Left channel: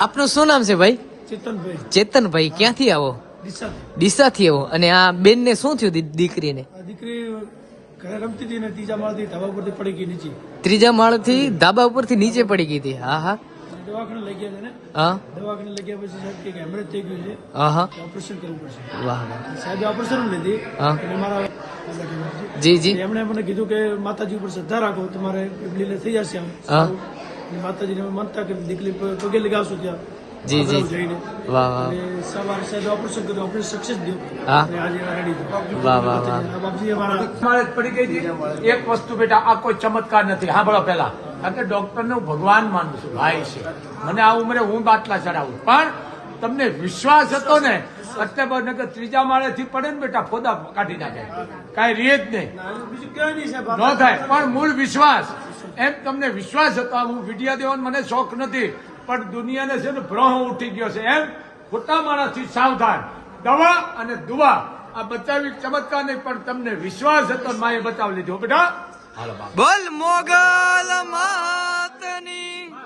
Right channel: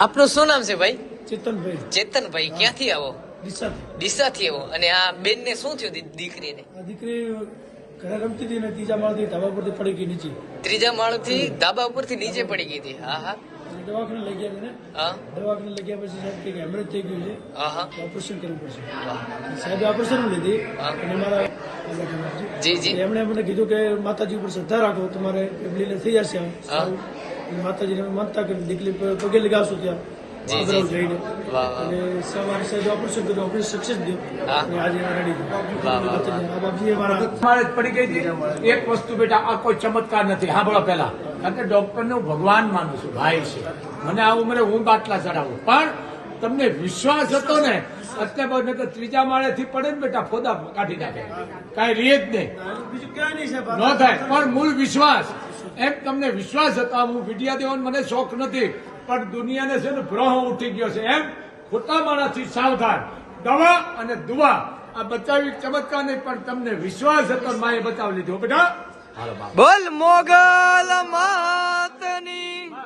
આપનું શું નામ છે ભાઈ? ચેતનભાઈ. ચેતનભાઈ ક્યાંથી આવો? દિશાથી ડીસાથી. આવો. અને આ બેન ને શું થયું દીકરીને? દીકરી રમતી હતી ત્રીજા માળથી ધાબા ઉપરથી પડી ગઈ નીચે. ત્રીજા માળથી ધાબા ઉપરથી નીચે પડી ગઈ હતી. હા હા. દવાખાને લઈ ગયા હા. દવાખાને લઈ ગયા પછી સાહેબ કે હેમરેજ થઈ ગયું છે. હા હા. ઓપરેશન કરવું પડશે. વાહ. સાહેબ ઓપરેશન લીધી. હા. અને મારા જી જી. એમણે મને કીધું કે માતાજી ઉપર શ્રદ્ધા રાખો તમારે લીલે થઈ જશે આમ. માતાજીને માનતા કે દીકરી પગે લગાવશું ત્યાં. જી, જી. જઈને. વાહ વાહ. અને સવારે સાહેબ ઓપરેશન કર્યું ઓપરેશન સક્સેસ થયું. અને આજે રેડી વાહ, વાહ, વાહ. બાપજી અમારા જ પડી ગઈ હતી. એક વસ્તુ બેટા આ કોઈ ચમત્કાર નથી. સાંભળો પેલા કારણ કે ડોક્ટરને હું ભગવાન માનું છું ભાઈ છે. મને આ ઉંમરે હું બાટલા ચડાવું. પણ તમને વિશ્વાસ હતો ને એટલે બને કે ત્રીજા માળેથી પડે ને બેટા ફોદા કાઢી નાખે. કાંઈ રીત જ નહીં ન થાય. પણ મૂળ વિશ્વાસ. એમ તમને વિશ્વાસ હતા હું વિડિયા દેવાનો મને શોખ નથી પણ દુનિયાને છે ને ભ્રહ ઉઠી ગયો છે. એમ ખોટા માણસથી સાવધાન. દવા અને દુવા આ બચાવી ચમત્કાર નહીં પણ તમને વિશ્વાસ હતો માએ બચાવી લીધો. બેટા? બોલ મોગલ માતની.